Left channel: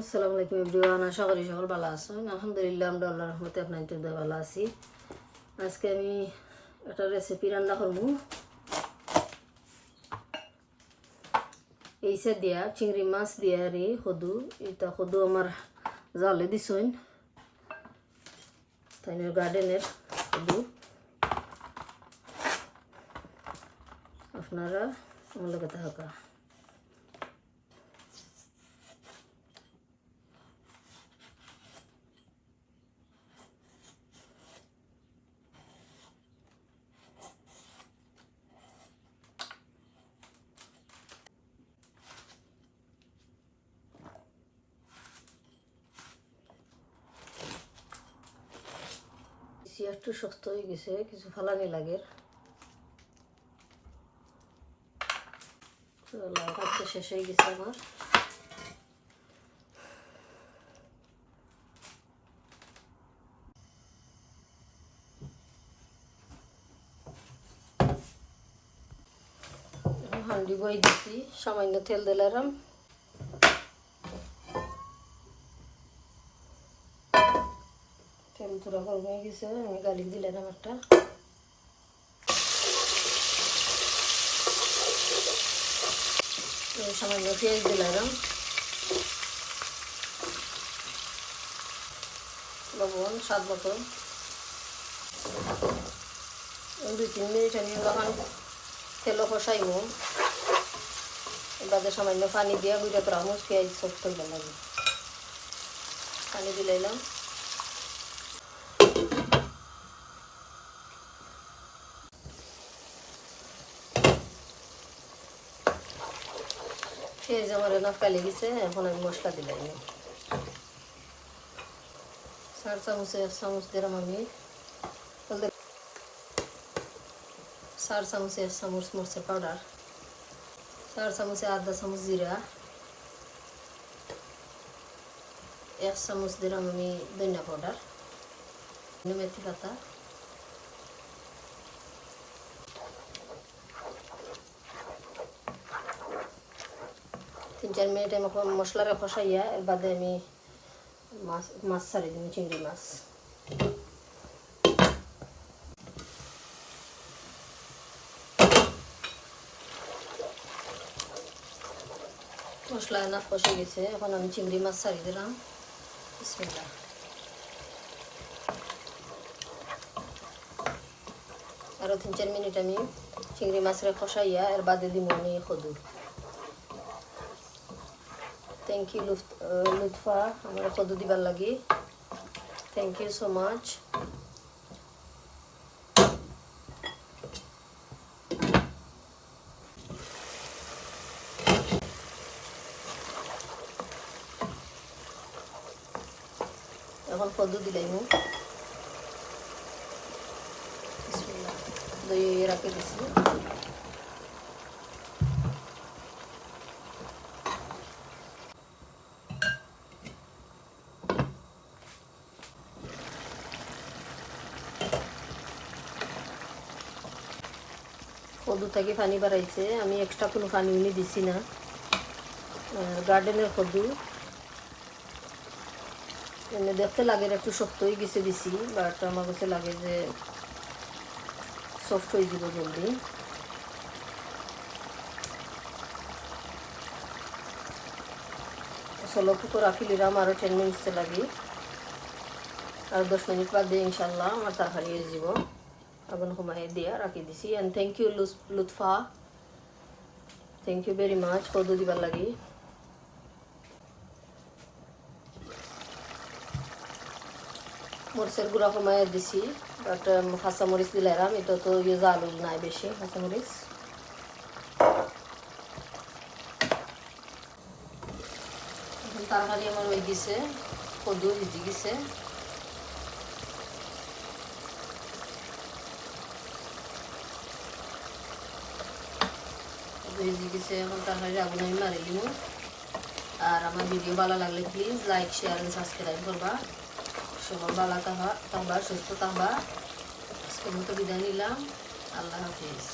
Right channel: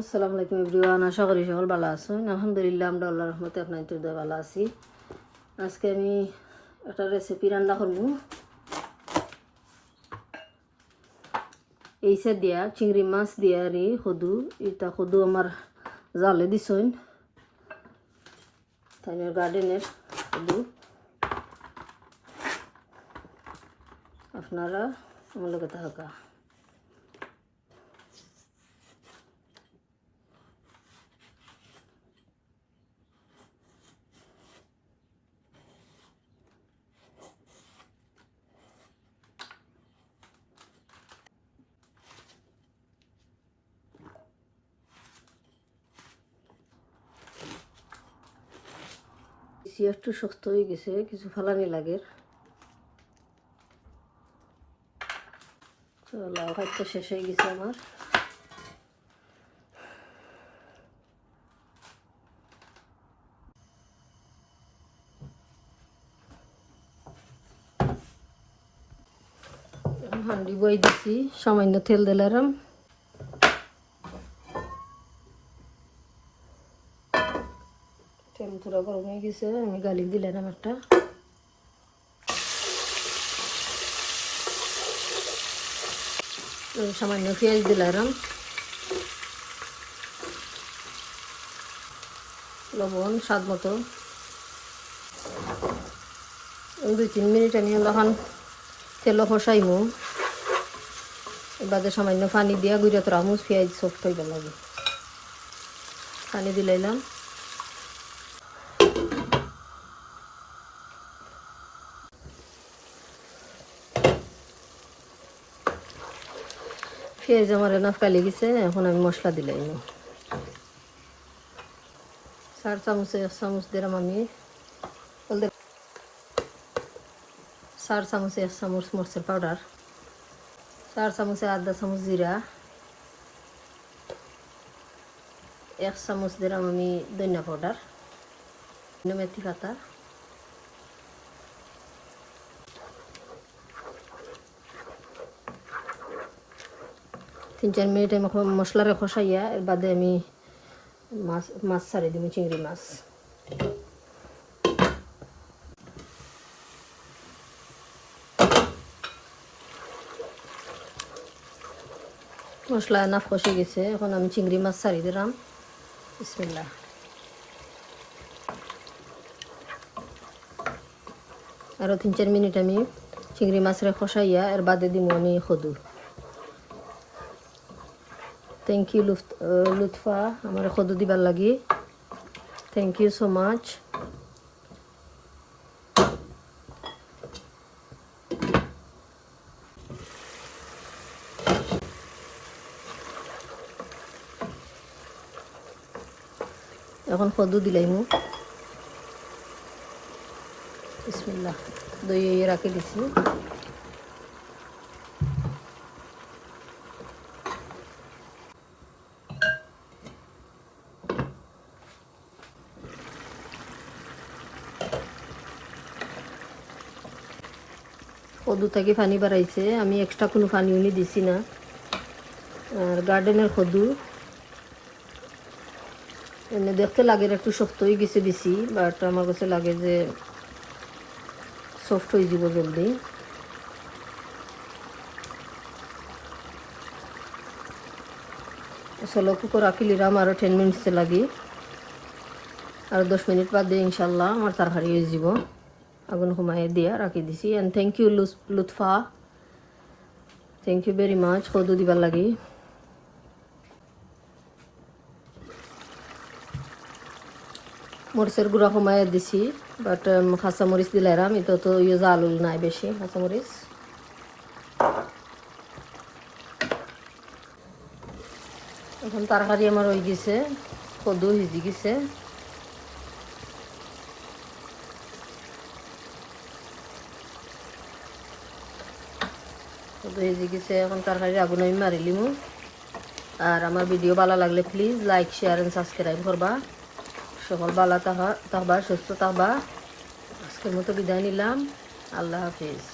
আসসালামু আলাইকুম এভরিওয়ান, আশা করি সকল ভালো আছেন। আলহামদুলিল্লাহ আমরা আল্লাহর রহমতে আপনাদের দয়া ভালো আছি। আজকে আমি একটা রেসিপি রান্না করব। এইসে দিয়া চিংড়ি মাছ দিয়া রে কদু, এটা কদু আমার জালে দিছেন তাই গার্ডেনের কদু। আপনারা আমার লগে থাকা একটু শক্ত হয়ে গেছে, কিছু ফালানি লাগে। লাউ ভাতটা শেষ হয়ে গেছে আমার। হাঁড়ি বই দিচ্ছি, সামান্য তেল দিলাম। তেল থোড়া গরম হয়ে গেছে, আমি গালি দিলাম একটা। সামান্য পেঁয়াজ দিলাম, লবণ স্বাদ মতো। 2-3 মিনিট আমি তখন তেল কষাইব। এবারে সামান্য পানি দিয়ে গুঁড়ো করা মুখ পেঁয়াজ সব খাইব লাগে। পানি দিলাম। পেঁয়াজ আমার এলাকা কালি গেছে, এখন আমি মশলা দিলাম। 4 চামচে 1 চামচ দিলাম আমি 4 চামচে 1 চামচ মরিচের পাউডার, 4 চামচে 1/2 চামচ জিরা, 1 চামচ দিলাম আমি ধনিয়া পাউডার, মেথি পাতা, তিন 4 মিনিট আমি মশলাটা কষাইয়া এর বাদে আমি মাছ ছাড়িয়ে দিব, চিংড়ি মাছ। মশলা এনাফ কষে গেছে, এখন আমি চিংড়ি মাছ ছাড়িয়ে দিলাম। বিসমিল্লাহ। আরও 3-4 মিনিট আমি চিংড়ি মাছের কষাইয়া এর বাদে দিব আমি কদু। থ্যাংক ইউ লুৎফা আমার কদু দিবার লাগি। Thank you so much. এখন কদু দিলাম, বিসমিল্লাহ। দই রাখি দিছি। কদু থেকে পানি বাড়াইছে, আমি এক্সট্রা কোনো পানি উনি দিছি না। আর গার্ডেনের কদু এমনি দেখতে লাগে একটু শক্ত হয়ে গেছে বেশি, বাট আমার কাছে লাগে যে সফট হয়ে যাব জলদি। চলো কুকুর রাখি নিলাম, আরও 10 মিনিটসে লাগি। আর 10 মিনিট বাদে ইনশাল্লাহ আমার তরকারি হয়ে যাব। আগুন কমাইয়ে দিয়া রাখি দিছি। And thank you Lutfa, thank you very much কদু দিবার লাগি। মরিচের গুঁড়া কমাইয়ে দিছি, বাট কাঁচা মরিচ দিলাম। এটা তো জাল নাই বেশি কাঁচা মরিচ। এখন তরকারি আমার হয়ে গেছে, কদু ভিজে গেছে। ভেজে গেছে, এখন তরকারি আগুন আমি মারি লিমু। আর আমার ভিডিও ভালো লাগলে please like share and subscribe করবা। সকল ভালো থাকবা, সুস্থ থাকবা। আজকের মতো বিদায় নিলাম। আল্লাহ হাফিজ।